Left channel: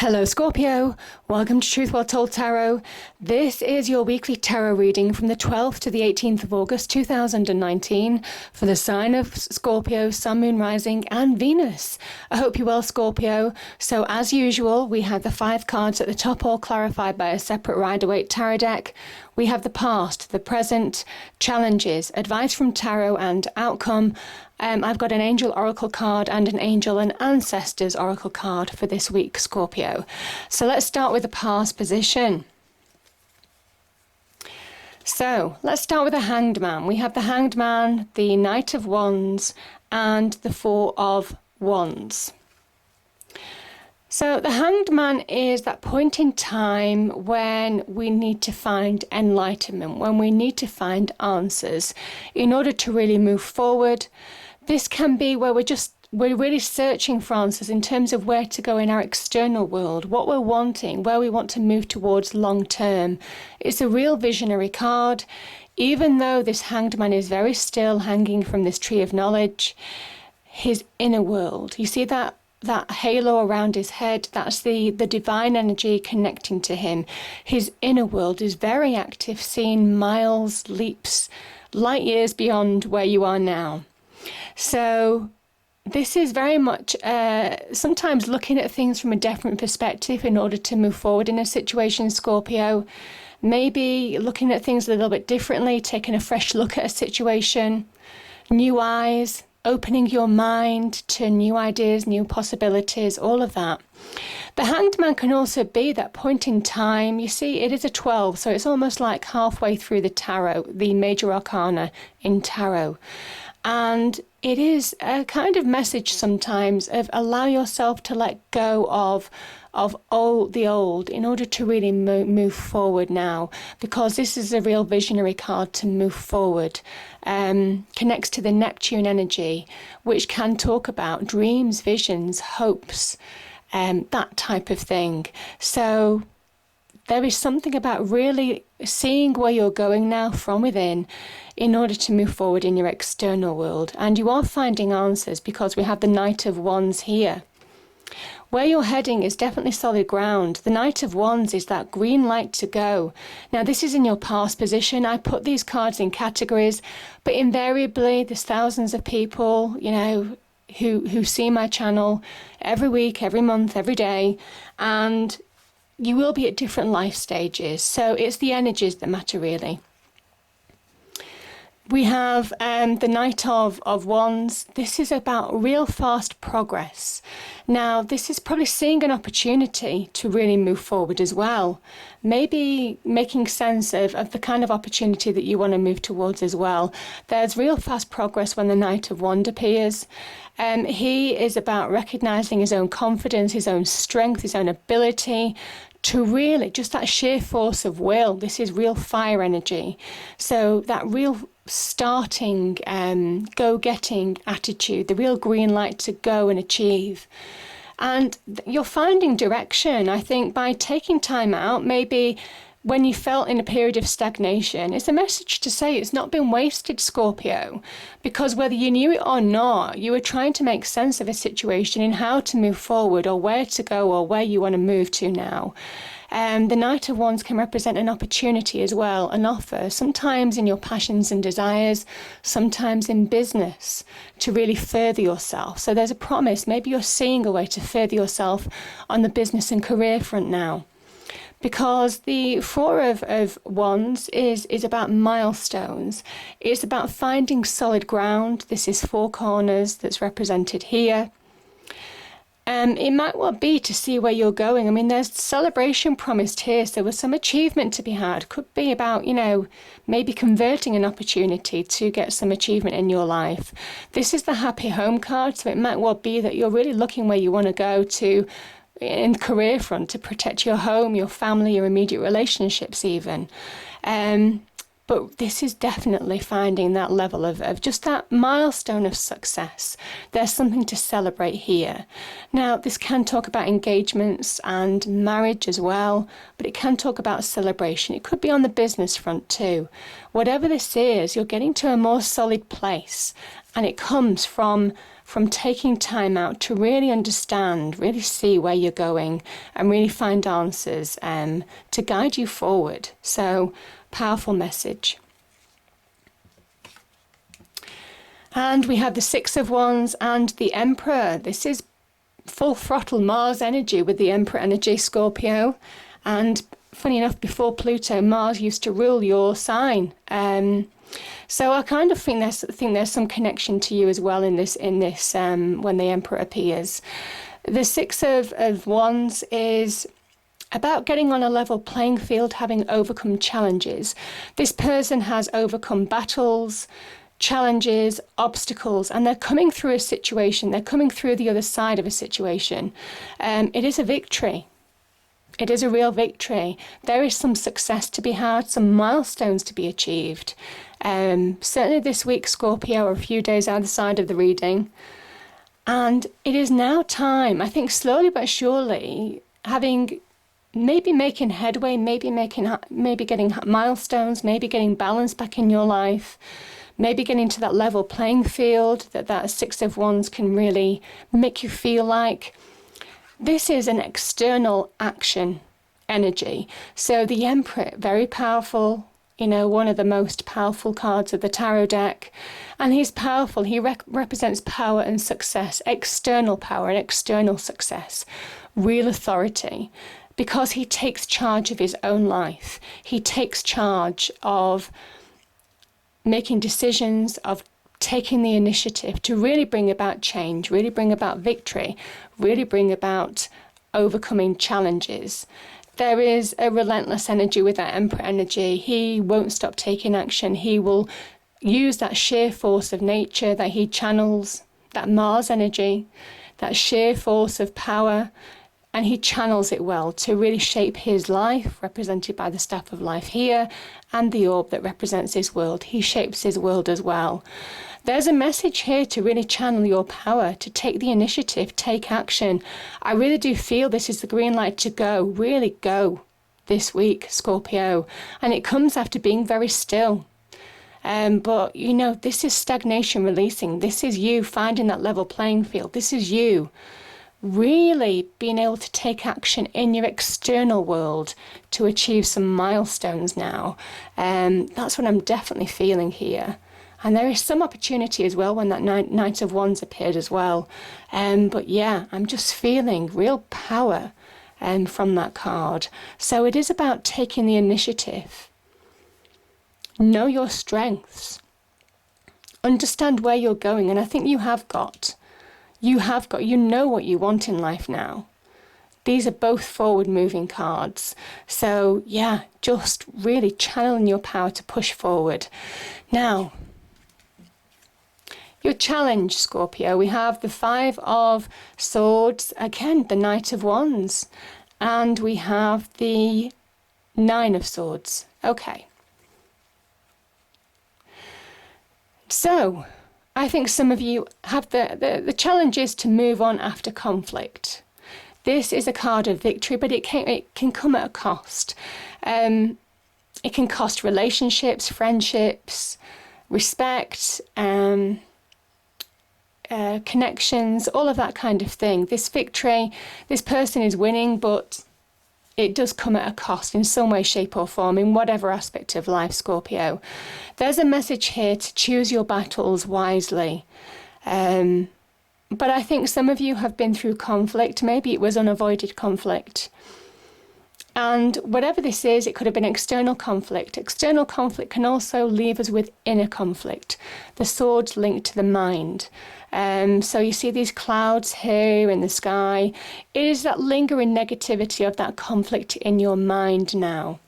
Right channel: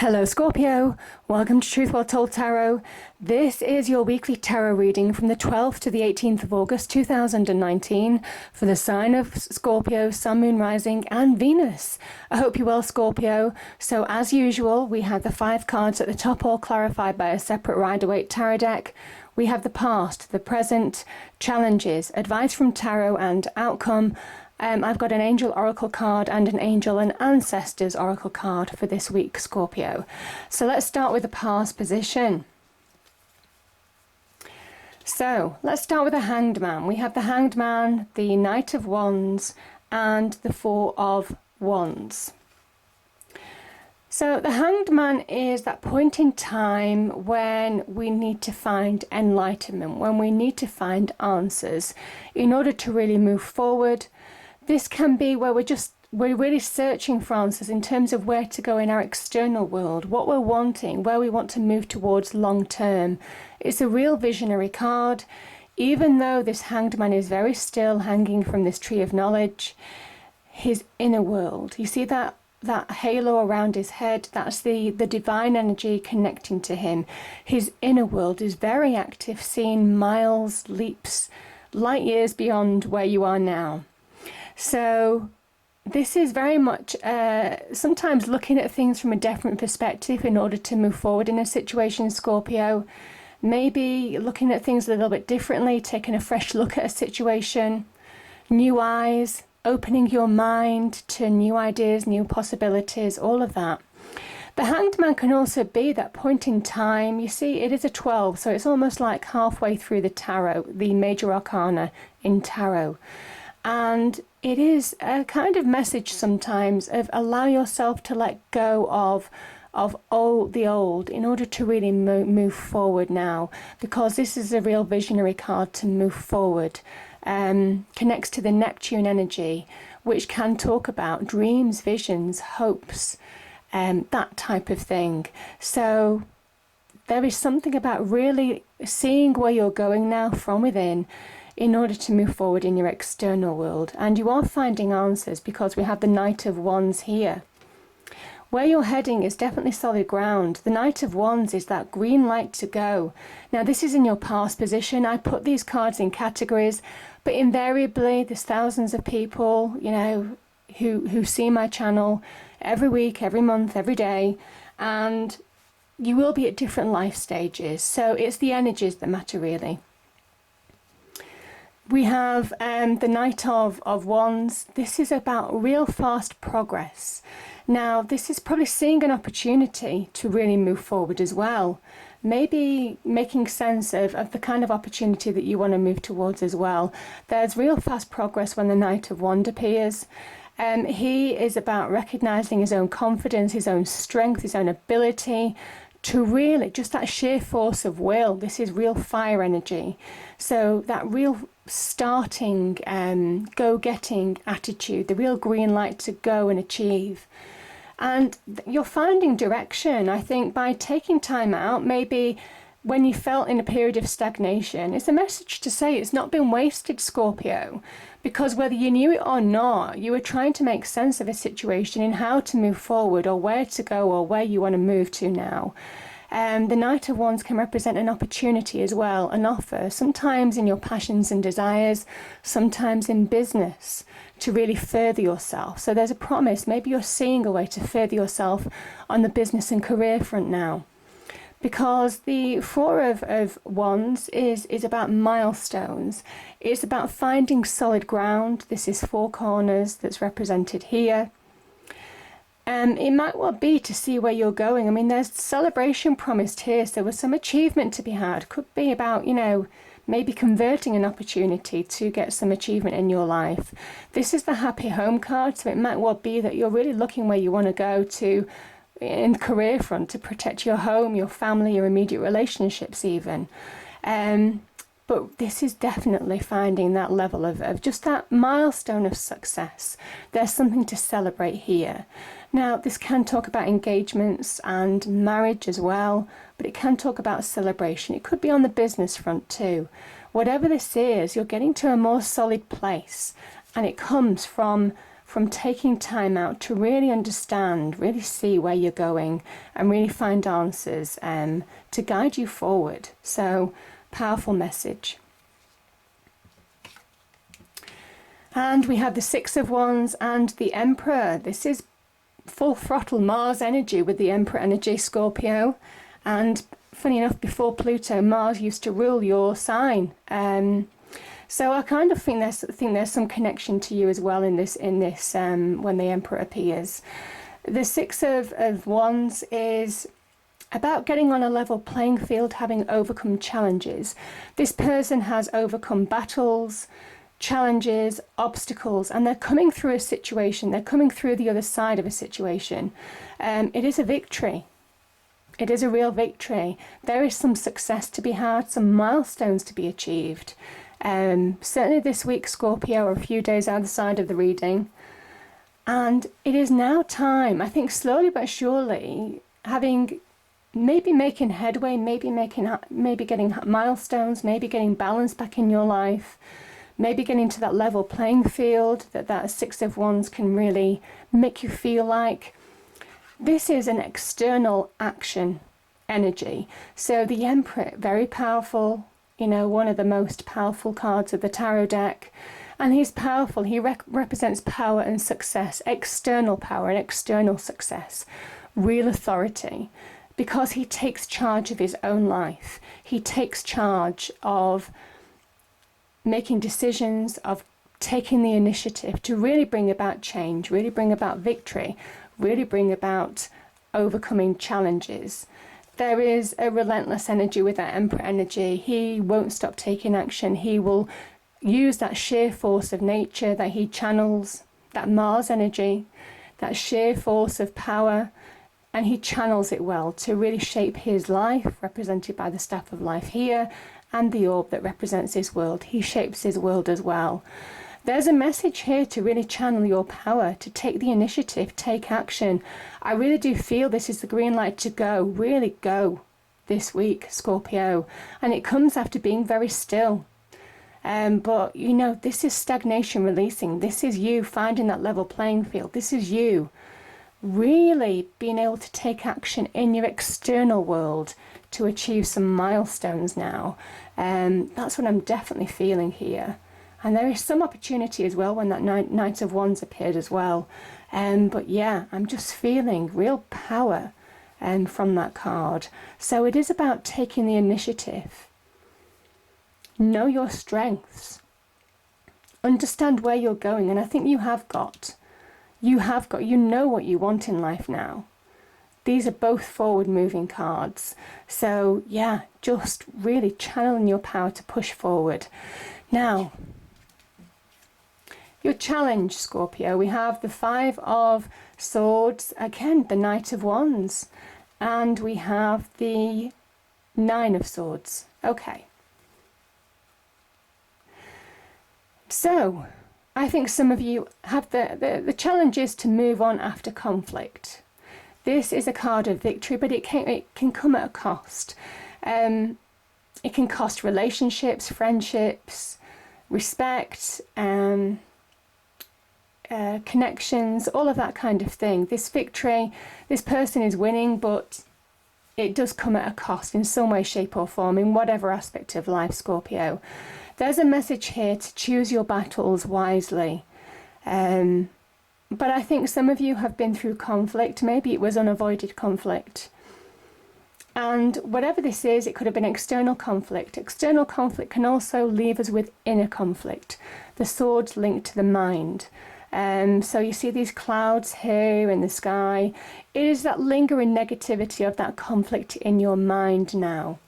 Hello Scorpio, welcome to Truth Well Told Tarot. This is your weekly tarot reading from the 12th to the 18th of August 2019 for the sign of Scorpio, Sun, Moon, Rising and Venus. I hope you're well, Scorpio. So as usual, we have the 5 cards at the top, all clarified by a separate Rider-Waite tarot deck. We have the past, the present, challenges, advice from tarot and outcome. I've got an angel oracle card and an angel and ancestors oracle card for this week, Scorpio. So let's start with the past position. So let's start with the Hanged Man. We have the Hanged Man, the Knight of Wands and the Four of Wands. So the Hanged Man is that point in time when we need to find enlightenment, when we need to find answers in order to really move forward. This can be where we're really searching for answers in terms of where to go in our external world, what we're wanting, where we want to move towards long term. It's a real visionary card. Even though this Hanged Man is very still, hanging from this tree of knowledge, his inner world, you see that halo around his head, that's the divine energy connecting to him. His inner world is very active, seeing miles, leaps, light years beyond where you are now. So this is very much sometimes looking at things from a different perspective in order to move forward in a situation, Scorpio. Maybe looking at things a little bit differently, taking a fresh look at a situation, new eyes, opening your mind to new ideas, new possibilities, all of that. The Hanged Man can also be that point in time. You see, it is a 12, so it's almost like halfway through the tarot, the major arcana in tarot. And it is a kind of message sometimes of allow yourself to let go of the old in order to really move forward now, because this is a real visionary card to move forward. Connects to the Neptune energy, which can talk about dreams, visions, hopes, that type of thing. So there is something about really seeing where you're going now from within in order to move forward in your external world. And you are finding answers because we have the Knight of Wands here. Where you're heading is definitely solid ground. The Knight of Wands is that green light to go. Now this is in your past position. I put these cards in categories, but invariably there's thousands of people, you know, who see my channel every week, every month, every day, and you will be at different life stages. So it's the energies that matter really. We have the Knight of Wands. This is about real fast progress. Now, this is probably seeing an opportunity to really move forward as well. Maybe making sense of the kind of opportunity that you want to move towards as well. There's real fast progress when the Knight of Wands appears. He is about recognizing his own confidence, his own strength, his own ability to really, just that sheer force of will. This is real fire energy. So that real starting, go-getting attitude, the real green light to go and achieve. And you're finding direction, I think, by taking time out. Maybe when you felt in a period of stagnation, it's a message to say it's not been wasted, Scorpio, because whether you knew it or not, you were trying to make sense of a situation and how to move forward or where to go or where you want to move to now. The Knight of Wands can represent an opportunity as well, an offer, sometimes in your passions and desires, sometimes in business, to really further yourself. So there's a promise. Maybe you're seeing a way to further yourself on the business and career front now. Because the Four of Wands is about milestones. It's about finding solid ground. This is 4 corners that's represented here. It might well be to see where you're going. I mean, there's celebration promised here, so there's some achievement to be had. Could be about, you know, maybe converting an opportunity to get some achievement in your life. This is the Happy Home card, so it might well be that you're really looking where you want to go to in the career front to protect your home, your family, your immediate relationships even. But this is definitely finding that level of just that milestone of success. There's something to celebrate here. Now, this can talk about engagements and marriage as well, but it can talk about celebration. It could be on the business front too. Whatever this is, you're getting to a more solid place, and it comes from from taking time out to really understand, really see where you're going and really find answers to guide you forward. So, powerful message. And we have the Six of Wands and the Emperor. This is full throttle Mars energy with the Emperor energy, Scorpio. And funny enough, before Pluto, Mars used to rule your sign. So I kind of think there's some connection to you as well in this when the Emperor appears. The Six of Wands is about getting on a level playing field, having overcome challenges. This person has overcome battles, challenges, obstacles, and they're coming through a situation. They're coming through the other side of a situation. It is a victory. It is a real victory. There is some success to be had, some milestones to be achieved. Certainly this week, Scorpio, or a few days either of the reading. And it is now time, I think slowly but surely, maybe making headway, maybe getting milestones, maybe getting balance back in your life, maybe getting to that level playing field that Six of Wands can really make you feel like. This is an external action energy. So the Emperor, very powerful, one of the most powerful cards of the tarot deck. And he's powerful. He represents power and success, external power and external success, real authority, because he takes charge of his own life. He takes charge of making decisions, of taking the initiative to really bring about change, really bring about victory, really bring about overcoming challenges. There is a relentless energy with that Emperor energy. He won't stop taking action. He will use that sheer force of nature that he channels, that Mars energy, that sheer force of power, and he channels it well to really shape his life, represented by the Staff of Life here, and the orb that represents his world. He shapes his world as well. There's a message here to really channel your power, to take the initiative, take action. I really do feel this is the green light to go, really go this week, Scorpio. And it comes after being very still. But, this is stagnation releasing. This is you finding that level playing field. This is you really being able to take action in your external world to achieve some milestones now. That's what I'm definitely feeling here. And there is some opportunity as well when that Knight of Wands appeared as well. But yeah, I'm just feeling real power from that card. So it is about taking the initiative. Know your strengths. Understand where you're going. And I think you know what you want in life now. These are both forward moving cards. So yeah, just really channeling your power to push forward. Now, your challenge, Scorpio, we have the Five of Swords, again, the Knight of Wands, and we have the Nine of Swords. Okay. So, I think some of you have the challenge is to move on after conflict. This is a card of victory, but it can come at a cost. It can cost relationships, friendships, respect, connections, all of that kind of thing. This victory, this person is winning, but it does come at a cost in some way, shape or form, in whatever aspect of life, Scorpio. There's a message here to choose your battles wisely. But I think some of you have been through conflict. Maybe it was unavoided conflict. And whatever this is, it could have been external conflict. External conflict can also leave us with inner conflict. The sword's linked to the mind. So you see these clouds here in the sky. It is that lingering negativity of that conflict in your mind now.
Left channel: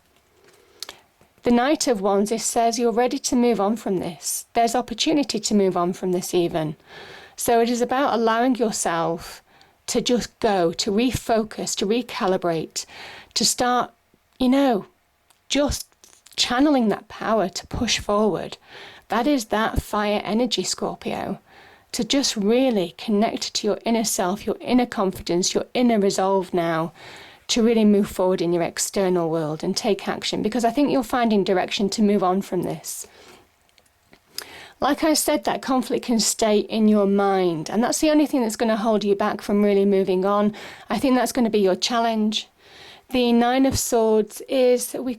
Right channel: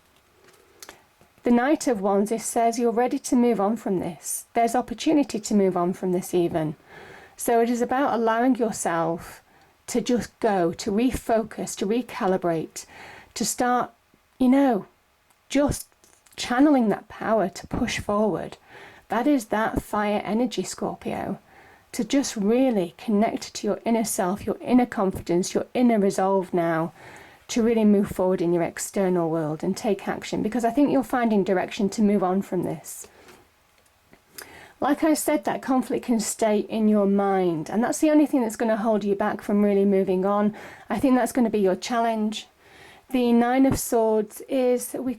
The Knight of Wands, it says you're ready to move on from this. There's opportunity to move on from this even. So it is about allowing yourself to just go, to refocus, to recalibrate, to start, just channeling that power to push forward. That is that fire energy, Scorpio. To just really connect to your inner self, your inner confidence, your inner resolve now, to really move forward in your external world and take action, because I think you're finding direction to move on from this. Like I said, that conflict can stay in your mind, and that's the only thing that's going to hold you back from really moving on. I think that's going to be your challenge. The Nine of Swords is, we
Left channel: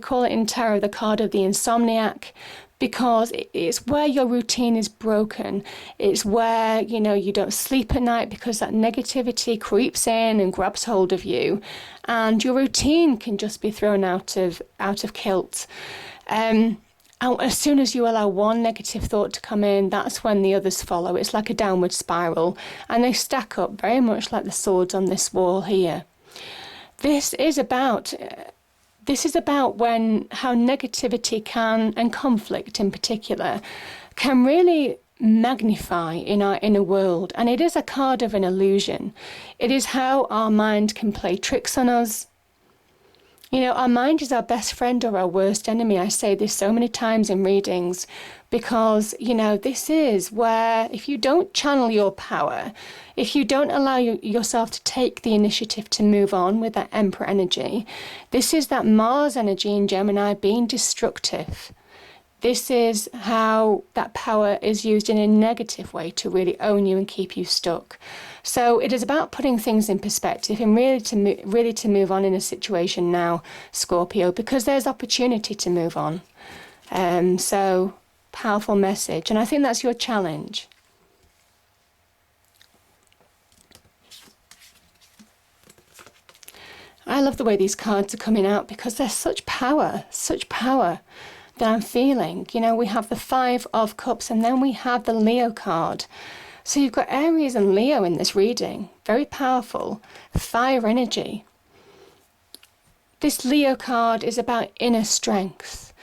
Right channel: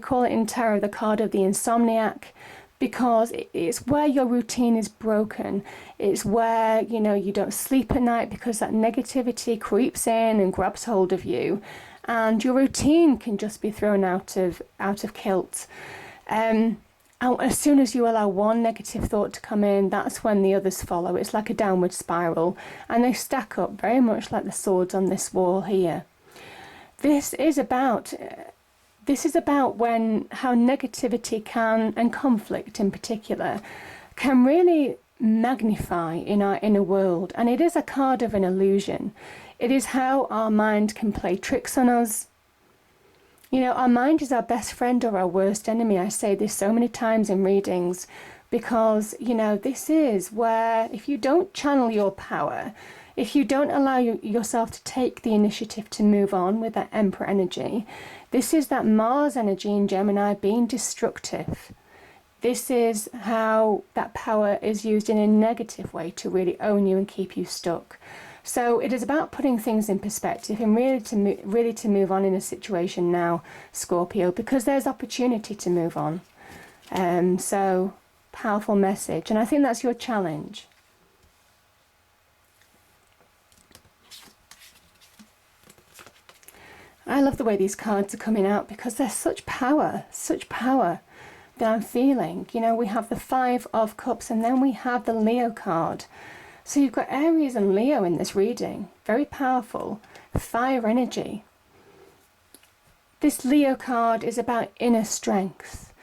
call it in tarot the card of the insomniac, because it's where your routine is broken. It's where, you don't sleep at night because that negativity creeps in and grabs hold of you, and your routine can just be thrown out of kilt. As soon as you allow one negative thought to come in, that's when the others follow. It's like a downward spiral, and they stack up very much like the swords on this wall here. This is about when how negativity can, and conflict in particular, can really magnify in our inner world. And it is a card of an illusion. It is how our mind can play tricks on us. Our mind is our best friend or our worst enemy. I say this so many times in readings because, this is where if you don't channel your power, if you don't allow yourself to take the initiative to move on with that Emperor energy, this is that Mars energy in Gemini being destructive. This is how that power is used in a negative way to really own you and keep you stuck. So it is about putting things in perspective and really to move on in a situation now, Scorpio, because there's opportunity to move on. So powerful message, and I think that's your challenge. I love the way these cards are coming out because there's such power that I'm feeling. We have the Five of Cups and then we have the Leo card. So you've got Aries and Leo in this reading. Very powerful. Fire energy. This Leo card is about inner strength.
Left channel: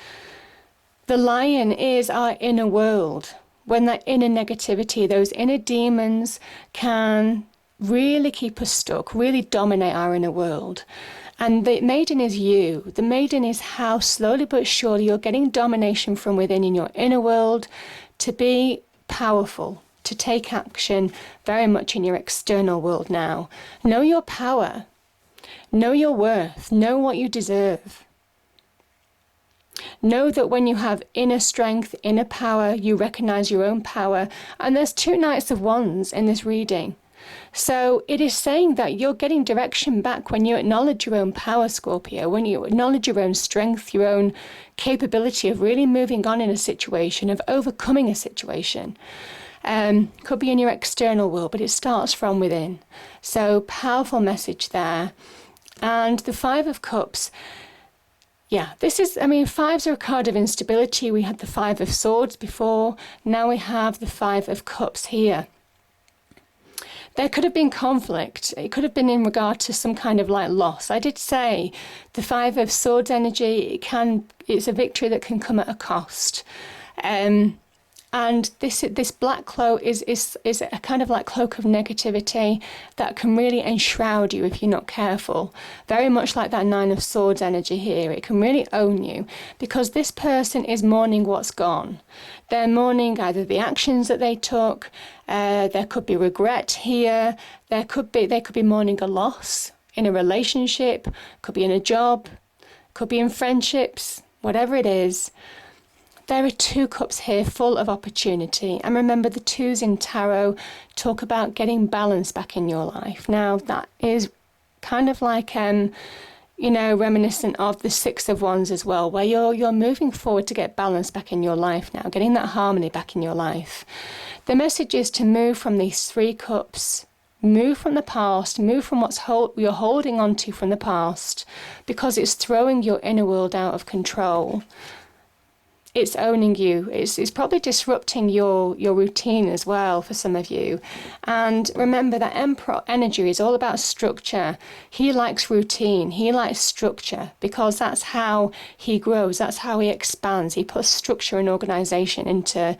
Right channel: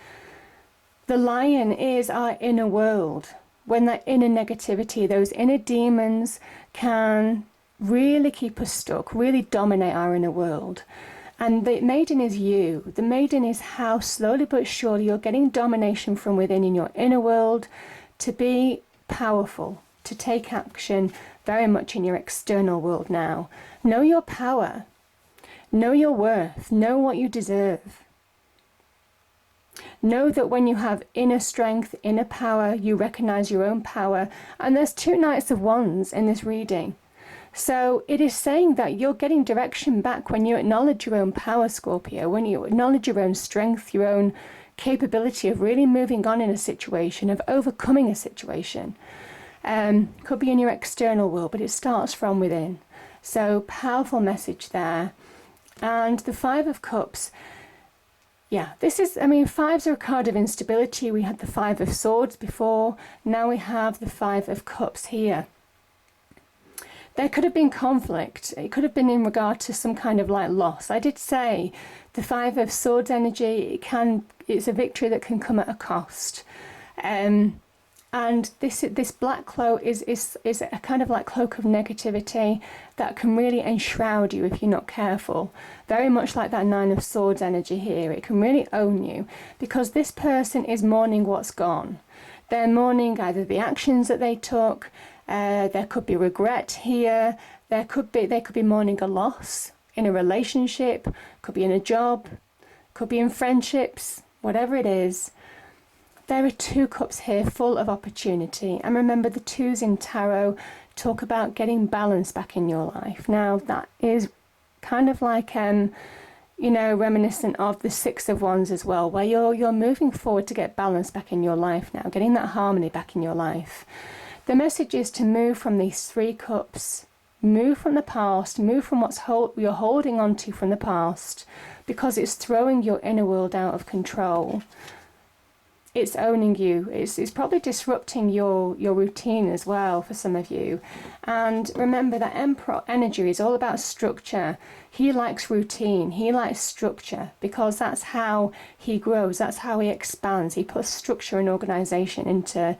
The lion is our inner world. When that inner negativity, those inner demons can really keep us stuck, really dominate our inner world. And the maiden is you. The maiden is how slowly but surely you're getting domination from within in your inner world to be powerful, to take action very much in your external world now. Know your power. Know your worth. Know what you deserve. Know that when you have inner strength, inner power, you recognize your own power. And there's two Knights of Wands in this reading. So it is saying that you're getting direction back when you acknowledge your own power, Scorpio, when you acknowledge your own strength, your own capability of really moving on in a situation, of overcoming a situation. Could be in your external world, but it starts from within. So powerful message there. And the Five of Cups, fives are a card of instability. We had the Five of Swords before. Now we have the Five of Cups here. There could have been conflict. It could have been in regard to some kind of loss. I did say the Five of Swords energy, it's a victory that can come at a cost. And this black cloak is a kind of cloak of negativity that can really enshroud you if you're not careful. Very much like that Nine of Swords energy here. It can really own you because this person is mourning what's gone. They're mourning either the actions that they took. There could be regret here. They could be mourning a loss in a relationship. Could be in a job. Could be in friendships. Whatever it is. There are two cups here full of opportunity. And remember, the twos in tarot talk about getting balance back in your life. Now, that is kind of reminiscent of the Six of Wands as well, where you're moving forward to get balance back in your life now, getting that harmony back in your life. The message is to move from these three cups, move from the past, move from you're holding on to from the past, because it's throwing your inner world out of control. It's owning you. It's probably disrupting your routine as well for some of you. And remember that Emperor energy is all about structure. He likes routine. He likes structure because that's how he grows. That's how he expands. He puts structure and organization into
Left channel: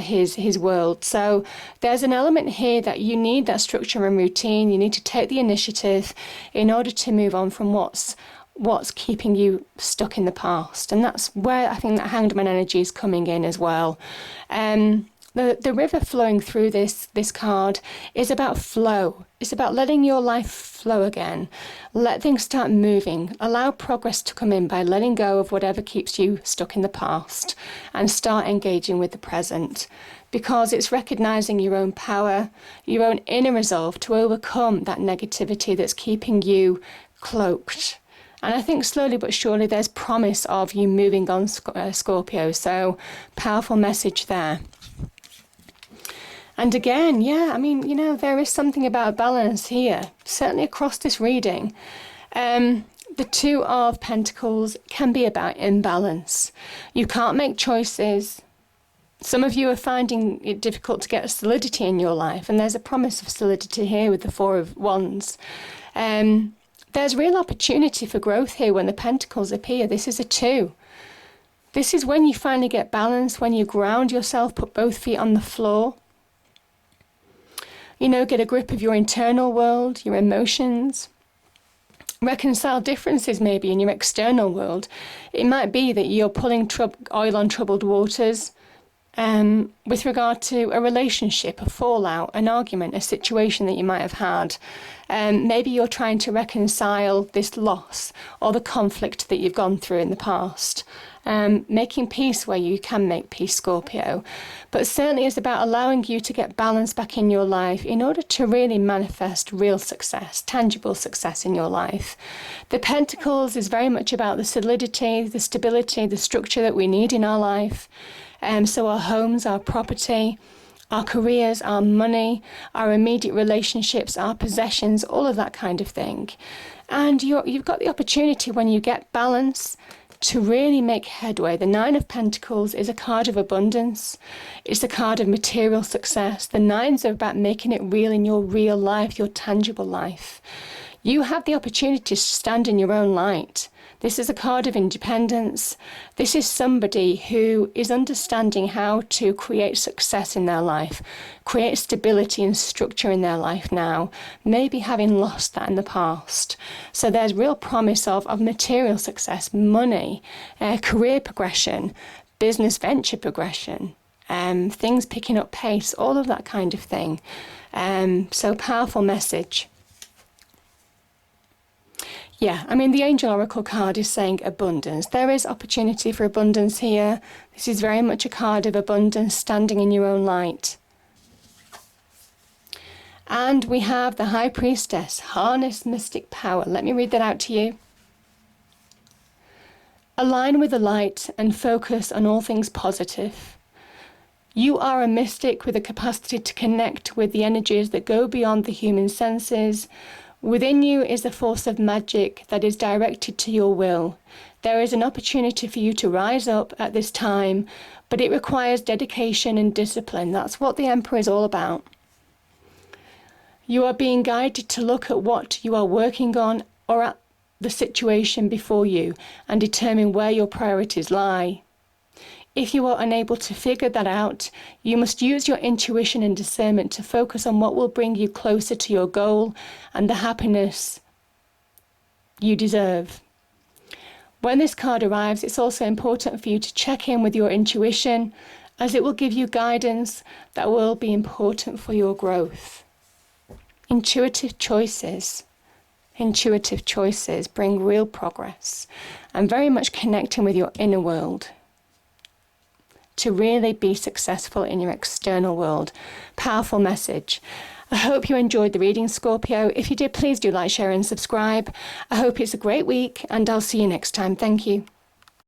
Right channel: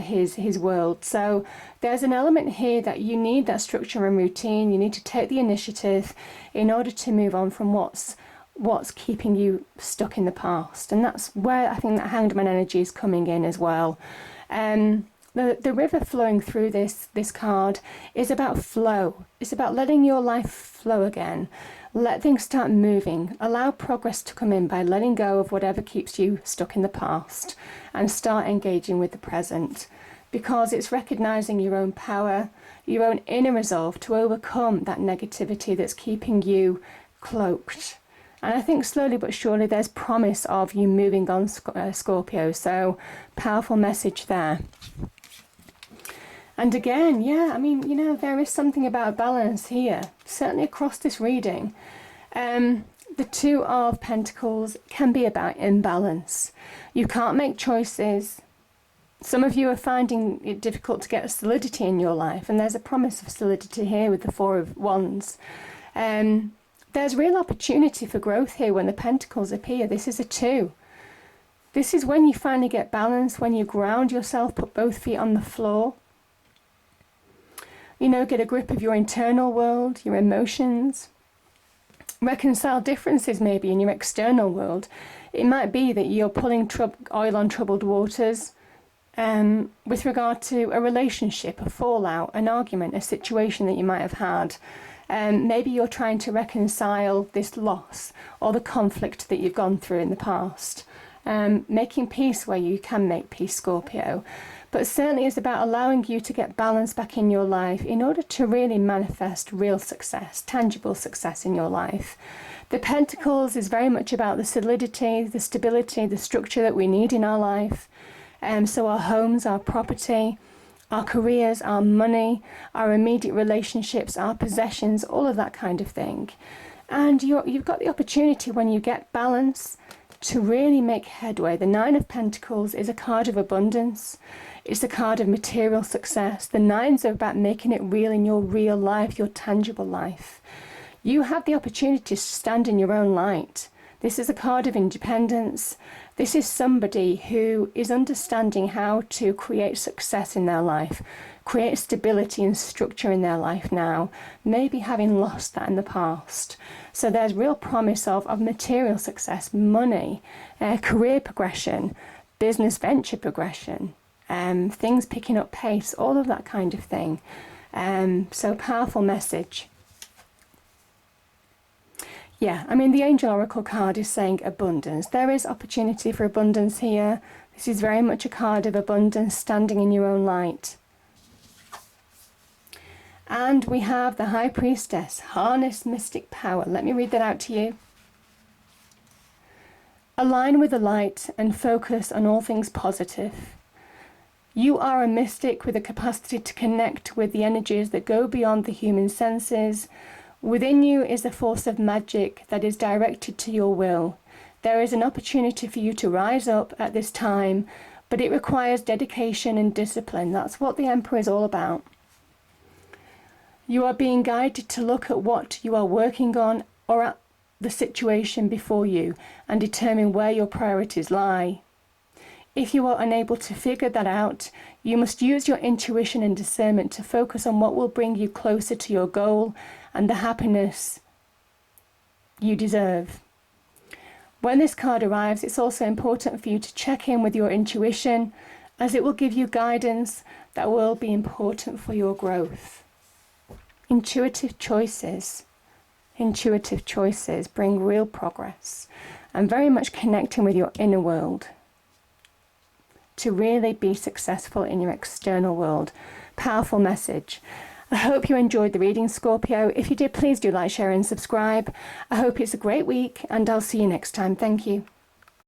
his world. So there's an element here that you need that structure and routine. You need to take the initiative in order to move on from what's keeping you stuck in the past. And that's where I think that Hanged Man energy is coming in as well. the river flowing through this card is about flow. It's about letting your life flow again. Let things start moving. Allow progress to come in by letting go of whatever keeps you stuck in the past and start engaging with the present, because it's recognizing your own power, your own inner resolve to overcome that negativity that's keeping you cloaked. And I think slowly but surely there's promise of you moving on, Scorpio. So powerful message there. And again, yeah, I mean, you know, there is something about balance here, certainly across this reading. The Two of Pentacles can be about imbalance. You can't make choices. Some of you are finding it difficult to get solidity in your life, and there's a promise of solidity here with the Four of Wands. There's real opportunity for growth here when the Pentacles appear. This is a two. This is when you finally get balance, when you ground yourself, put both feet on the floor. You know, get a grip of your internal world, your emotions. Reconcile differences maybe in your external world. It might be that you're pulling oil on troubled waters with regard to a relationship, a fallout, an argument, a situation that you might have had. Maybe you're trying to reconcile this loss or the conflict that you've gone through in the past. Making peace where you can make peace, Scorpio. But certainly it's about allowing you to get balance back in your life in order to really manifest real success, tangible success in your life. The Pentacles is very much about the solidity, the stability, the structure that we need in our life. So our homes, our property, our careers, our money, our immediate relationships, our possessions, all of that kind of thing. And you've got the opportunity when you get balance to really make headway. The Nine of Pentacles is a card of abundance. It's a card of material success. The nines are about making it real in your real life, your tangible life. You have the opportunity to stand in your own light. This is a card of independence. This is somebody who is understanding how to create success in their life, create stability and structure in their life now, maybe having lost that in the past. So there's real promise of material success, money, career progression, business venture progression, things picking up pace, all of that kind of thing. So powerful message. Yeah, I mean, the Angel Oracle card is saying abundance. There is opportunity for abundance here. This is very much a card of abundance, standing in your own light. And we have the High Priestess, harness mystic power. Let me read that out to you. Align with the light and focus on all things positive. You are a mystic with a capacity to connect with the energies that go beyond the human senses. Within you is a force of magic that is directed to your will. There is an opportunity for you to rise up at this time, but it requires dedication and discipline. That's what the Emperor is all about. You are being guided to look at what you are working on or at the situation before you and determine where your priorities lie. If you are unable to figure that out, you must use your intuition and discernment to focus on what will bring you closer to your goal and the happiness you deserve. When this card arrives, it's also important for you to check in with your intuition, as it will give you guidance that will be important for your growth. Intuitive choices bring real progress and very much connecting with your inner world to really be successful in your external world. Powerful message. I hope you enjoyed the reading, Scorpio. If you did, please do like, share and subscribe. I hope it's a great week and I'll see you next time. Thank you.